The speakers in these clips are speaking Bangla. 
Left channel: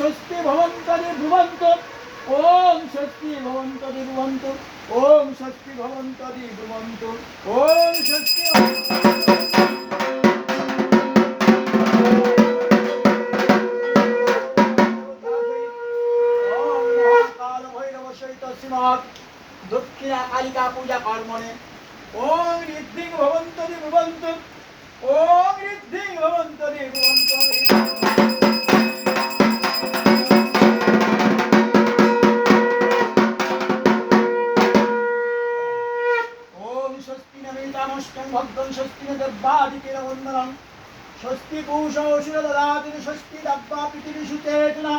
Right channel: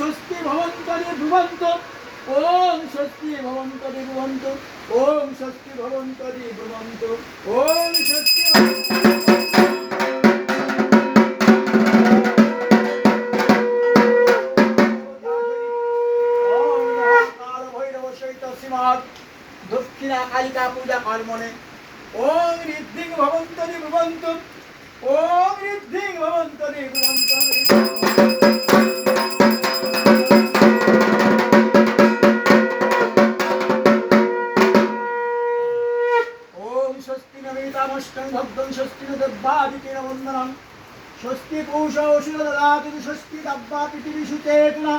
স্বস্তি ভবন্তরি ব্রুবন্তু ওম স্বস্তি ভবন্তরি ব্রুবন্তু ওম স্বস্তি ভবন্তরি ব্রুবন্তু ওম স্বস্তি ওম মহাকাল ভৈরব সহিত শ্রীমৎ দক্ষিণা কালিকা পূজা কর্মণে ওম ঋদ্ধিং ভবন্তরি ব্রুবন্তু ওম ঋদ্ধিং ভবন্তরি ব্রুবন্তু ओम स्वस्ति नमितामष्टं भद्रं स्वस्ति न दब्बादितेन वन्दनं स्वस्ति पूषोषिर ददाति स्वस्ति दब्बापितिरिषु चेतना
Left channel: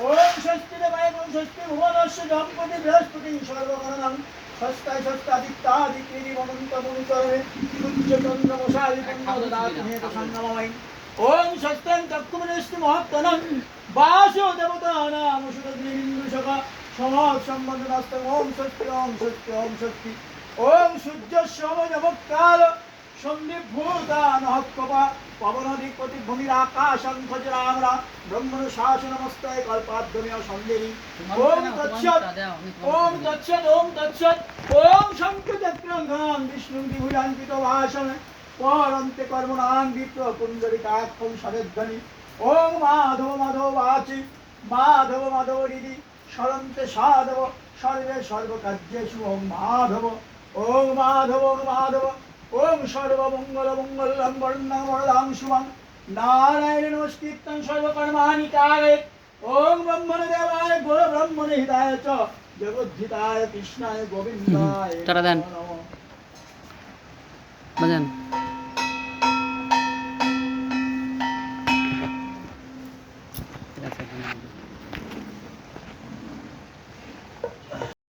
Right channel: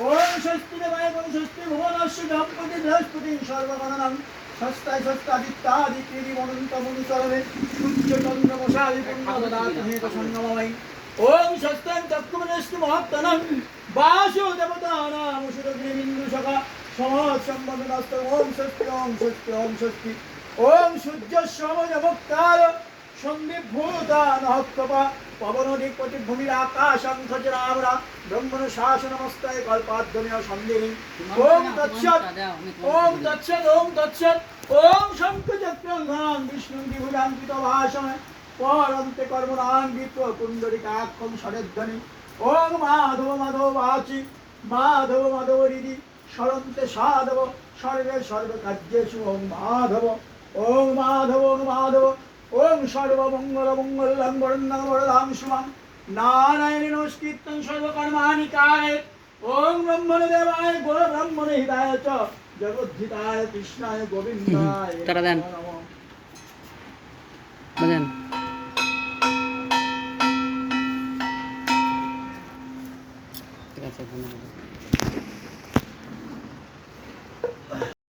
ओम स्वस्ति देवायगुण स्वस्ति भुवनस्य दम्पति बृहस्पति सर्वगणनं स्वस्ताय स्वस्तादित्यादिकेरि वनन्तमुनुसरणे सूर्यचन्द्रमशादि पुण्य ददाति हेत संगममयि ओम स्वस्तं तत्कुमनस्ति महत्तनं वासो देवतानां सुतग्निबिन्दुशका समात् सम्बन्धनस्तं ओम स्वस्ति ओम स्वस्ति ओम स्वस्ति ओम सूर्य समजमुक्ताल सन्धिभूतान हक्कपा पवनधिपति भूमिर आकाशं खजरामरा ब्रह्मण शासनमस्तय कल्पाद्यमेव सन्देहि ओम तत्सत् ओम तत्सत् ओम तत्सत् ओम शंखचक्रं घनां विष्णुं विभुजान्वितभाषं परन्ते कर्मणां विप्र पुण्डरीकाक्षं सरेध्वनि ओम माधव माधव वाचि माधव माधव हृदि सरन्ते साधव सर्वे सर्वकार्येषु ओम माधव ओम माधव ओम सर्वमंगल मंगलं वरदां वरदां शुभं नारायण नमस्कृतं सर्वकर्माणि कारयेत् ओम ब्रह्मण देवाय गो ब्रह्मण हिताय च जगद्धिताय कृष्णाय गोविन्दाय नमः भजन ঠিক আছে